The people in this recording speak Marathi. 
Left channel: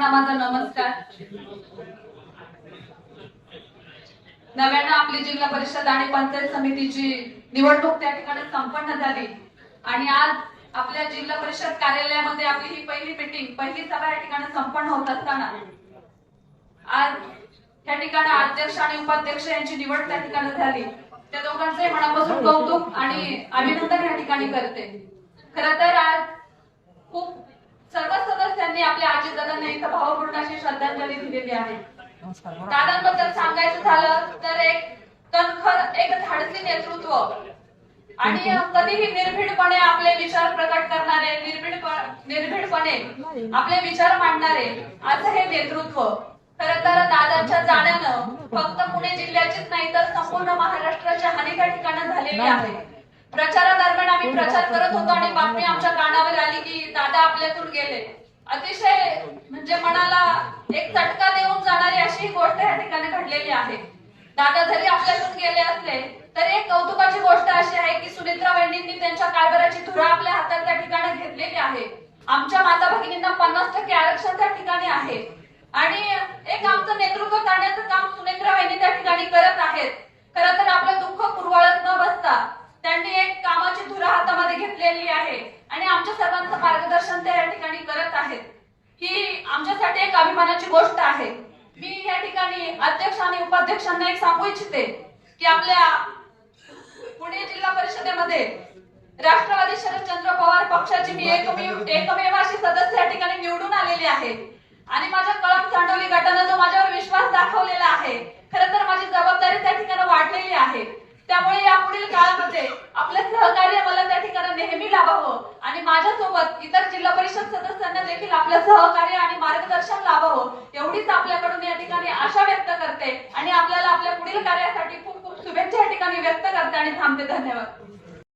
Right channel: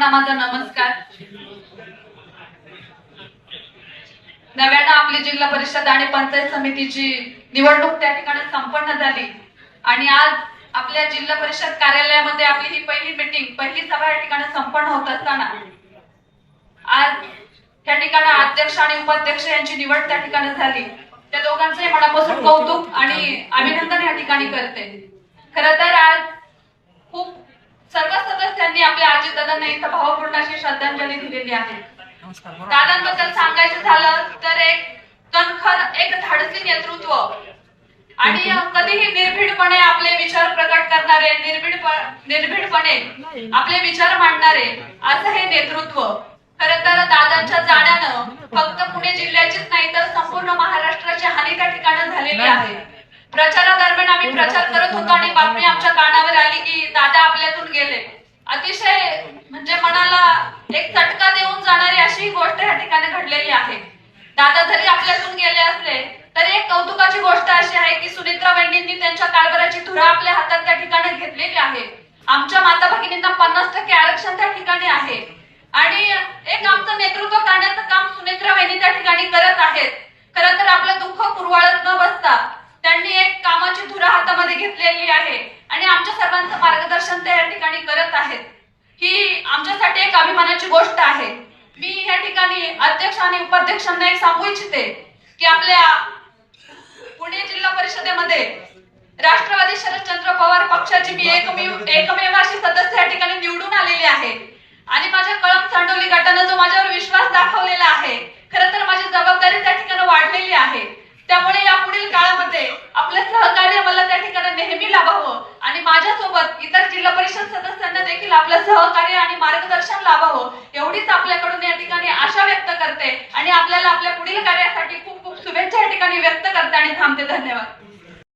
सर्वांना माझा नमस्कार। नव्यानं आपली जिल्हा परिषद आणि पंचायत समितीची निवडणूक त्या ठिकाणी संपन्न झाली आणि आज आपल्या जिल्हा परिषद कार्यालयामध्ये आपली ही पहिली सभा या ठिकाणी संपन्न होत असताना आज त्या ठिकाणी अध्यक्ष आणि उपाध्यक्ष यांची निवड त्या ठिकाणी झाली। त्या दोघांचे मनापासून कौतुक आणि अभिनंदन या ठिकाणी करते। खरं तर आज खूप सर्व सदस्यांनी आपल्या अजितदादांना इथं भावपूर्ण अशी श्रद्धांजली दिलेली आहे। दादांबद्दल सांगायचं झालं तर एक कणखर, एक धाडसी नेतृत्व आणि कधीही निर्भीडपणे आपले विचार प्रकट करणारे, निर्भीडपणे आपले विचार मांडणारे असं हे नेतृत्व। खरं तर दादांच्या जाण्यानं फक्त पुणे जिल्ह्याचीच नाही तर संपूर्ण महाराष्ट्राची हानी त्या ठिकाणी झालेली आहे। प्रचारादरम्यान आम्ही प्रचार करत होतो आणि बातमी आमच्या कानावर आली की दादा आपल्यातून गेले। अतिशय म्हणजे मनाला एक चटका देऊन जाणारी अशी गोष्ट या ठिकाणी घडलेली आहे। दादा जरी आपल्यातून गेले असले तरी एक कौतुकाची गोष्ट अशी आहे की सुनित्रा वहिनींनी त्यांच्या कारभाराची धुरा आपल्या हातात त्या ठिकाणी घेतलेली आहे। आमच्या माता भगिनींना 50% आरक्षण त्या ठिकाणी आहे आणि एक आमचं नेतृत्व करण्याचं काम सुनित्रा वहिनी त्या ठिकाणी करत आहेत। खरं तर आपलं दुःख कुरवाळत न बसता त्यांनी एक कामाची धुरा हातामध्ये घेतलेली आहे आणि आमच्या सर्वांचं मार्गदर्शन ते या ठिकाणी करत आहेत। ही आमच्यासाठी एक अभिमानाची गोष्ट आहे। मी या ठिकाणी अध्यक्ष आणि उपाध्यक्षांना एक सांगू इच्छिते की आपल्या पुणे जिल्हा परिषदेमध्ये राष्ट्रवादी शरदचंद्र पवार पक्षाची मी एकमेव अशी सदस्य या ठिकाणी निवडून आलेली आहे आणि माझ्या कळंब चांडोली गटाने जो माझ्यावर विश्वास दाखवलेला आहे, खरं तर माझी जबाबदारी त्या ठिकाणी वाढलेली आहे। त्यामुळे या पुढील काळामध्ये आपलं सहकार्य मला त्या ठिकाणी नेहमी लाभावं आणि माझ्यासोबत इतर जिल्हा परिषद सदस्यांना देखील आपलं सहकार्य आणि मार्गदर्शन लाभावं एवढीच आपल्याकडून या ठिकाणी आशा व्यक्त करते आणि आपल्याला आपल्या पुढील कार्यासाठी खूप खूप शुभेच्छा या ठिकाणी व्यक्त करते आणि थांबते। धन्यवाद।